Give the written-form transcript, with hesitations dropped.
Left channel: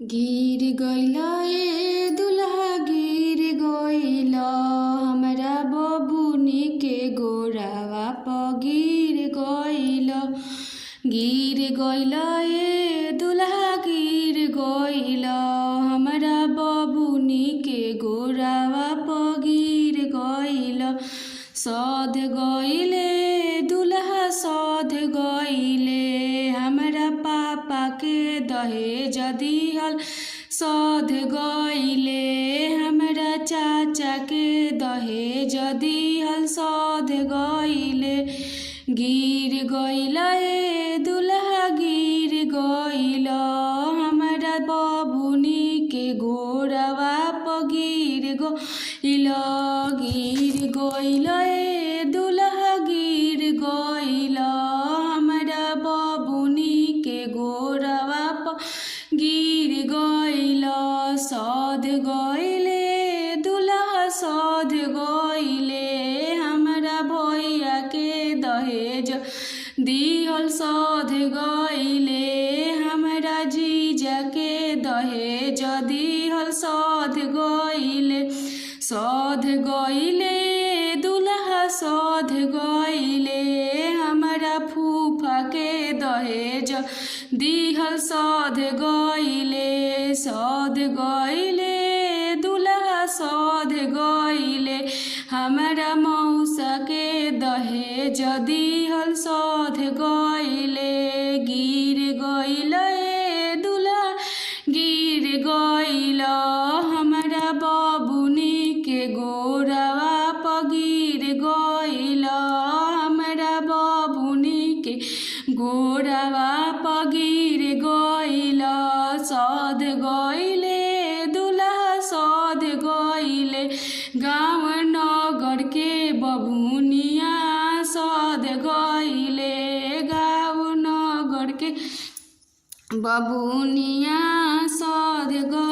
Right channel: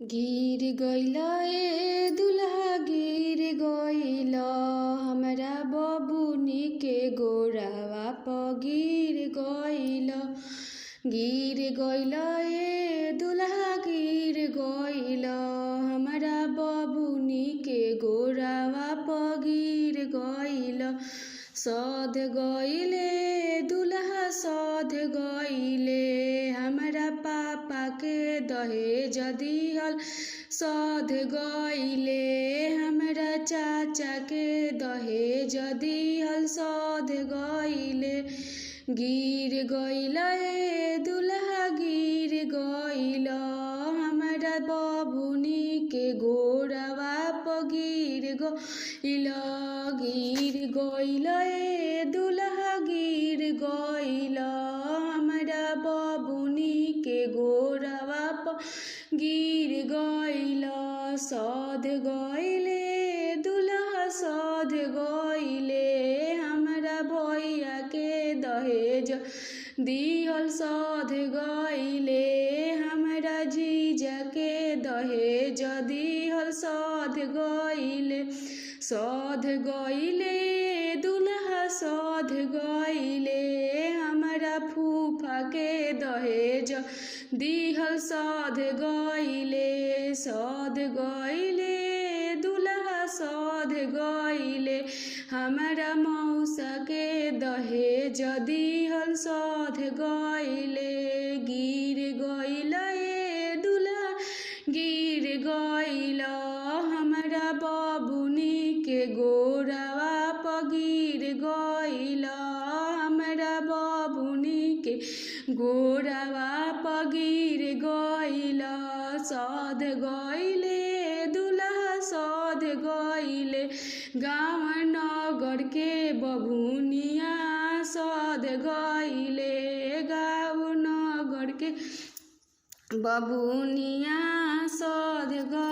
गिर गइला ए दुल्हा गिर गइला, हमरा बबुनी के गोरावा प गिर गइला। गिर गइला ए दुल्हा गिर गइला, हमरा बबुनी के गोरावा प गिर गइला। सध गइले दुल्हा सध गइले, हमरा पापा के दहेज दिहल सध गइले, हमरा चाचा के दहेज दिहल सध गइले। गिर गइला ए दुल्हा गिर गइला, हमरा बबुनी के गोरावा प गिर गइला। गिर गइला ए दुल्हा गिर गइला, हमरा बबुनी के गोरावा प गिर गइला। सध गइले दुल्हा सध गइले, हमरा भैया के दहेज दिहल सध गइले, हमरा जीजा के दहेज दिहल सध गइले। सध गइले दुल्हा सध गइले, हमरा फूफा के दहेज दिहल सध गइले। सध गइले दुल्हा सध गइले, हमरा मौसा के दहेज दिहल सध गइले। गिर गइला ए दुल्हा गिर गइला, हमरा बबुनी के गोरावा प गिर गइला, हमरा बबुनी के गोरावा प गिर गइला। सध गइले दुल्हा सध गइले, गाँव नगर के बबुनिया सध गइले, गाँव नगर के बबुनिया सध गइले।